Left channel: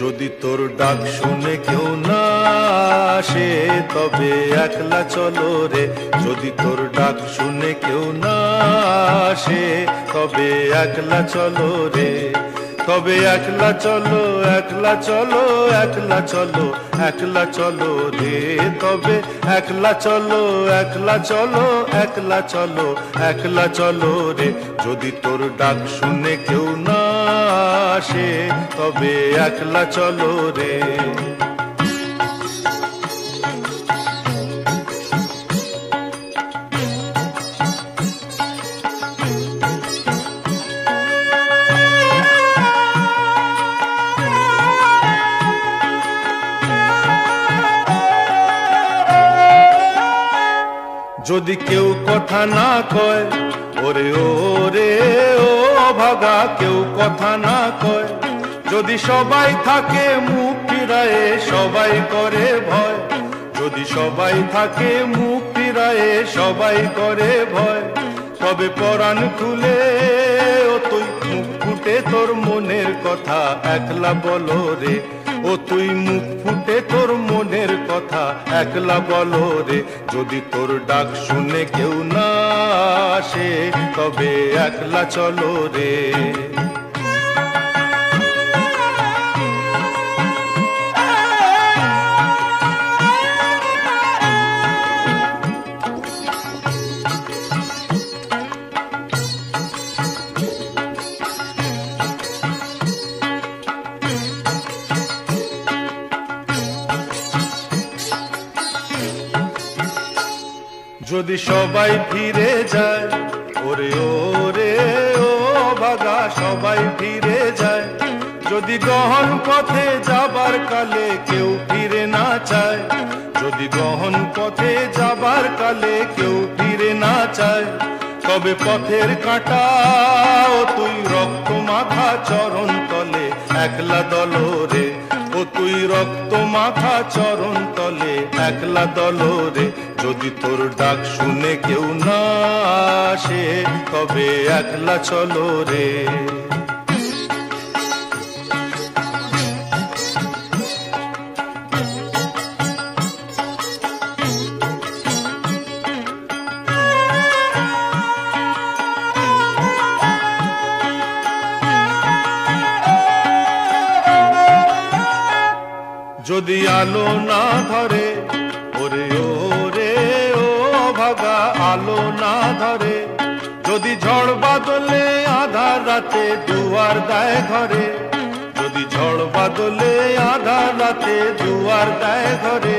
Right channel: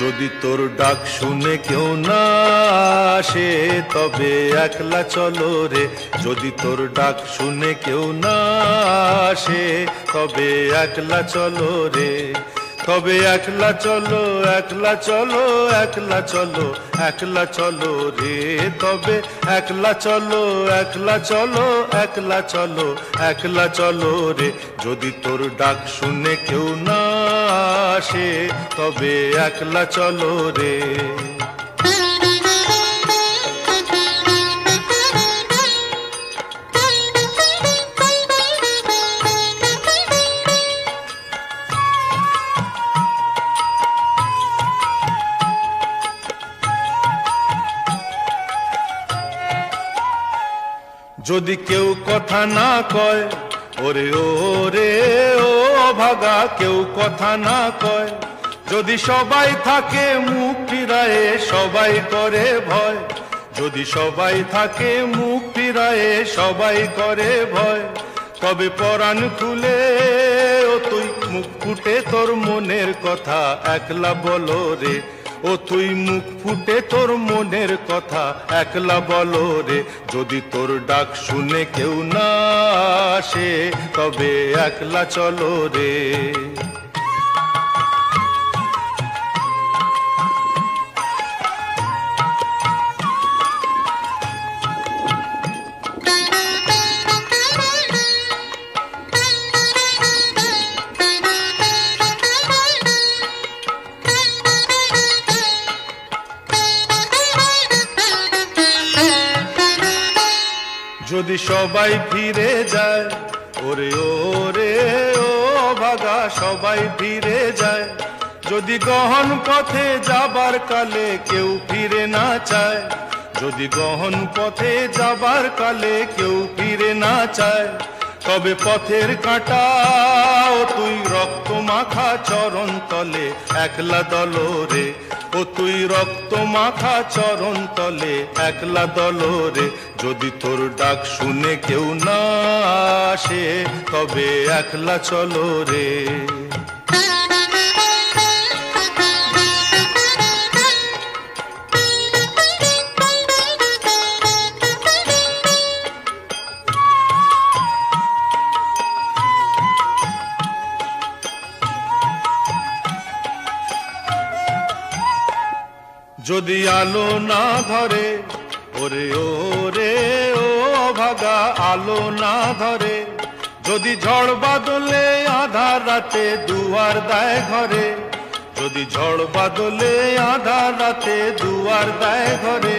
যদি তোর ডাক শুনে কেউ না আসে তবে একলা চলো রে। যদি তোর ডাক শুনে কেউ না আসে তবে একলা চলো রে। তবে একলা চলো, একলা চলো, একলা চলো, একলা চলো রে। তবে একলা চলো, একলা চলো, একলা চলো, একলা চলো রে। যদি তোর ডাক শুনে কেউ না আসে তবে একলা চলো রে। যদি কেউ কথা না কয়, ওরে ওরে ও অভাগা, কেউ কথা না কয়। যদি সবাই থাকে মুখ ফিরায়ে, সবাই করে ভয়। যদি সবাই থাকে মুখ ফিরায়ে, সবাই করে ভয়। তবে পরাণ খুলে ও তুই মুখ ফুটে তোর মনের কথা একলা বলো রে। ও তুই মুখ ফুটে তোর মনের কথা একলা বলো রে। যদি তোর ডাক শুনে কেউ না আসে তবে একলা চলো রে। যদি সবাই ফিরে যায়, ওরে ওরে ও অভাগা, সবাই ফিরে যায়। যদি গহন পথে যাবার কালে কেউ ফিরে না চায়, যদি গহন পথে যাবার কালে কেউ ফিরে না চায়, তবে পথের কাঁটা ও তুই রক্ত মাখা চরণ তলে একলা দলো রে। ও তুই রক্ত মাখা চরণ তলে একলা দলো রে। যদি তোর ডাক শুনে কেউ না আসে তবে একলা চলো রে। যদি আলো না ধরে, ওরে ওরে ও অভাগা, আলো না ধরে। যদি ঝড় বাদলে আধার রাতে দুয়ার দেয় ঘরে, যদি ঝড় বাদলে আধার রাতে দুয়ার দেয় ঘরে।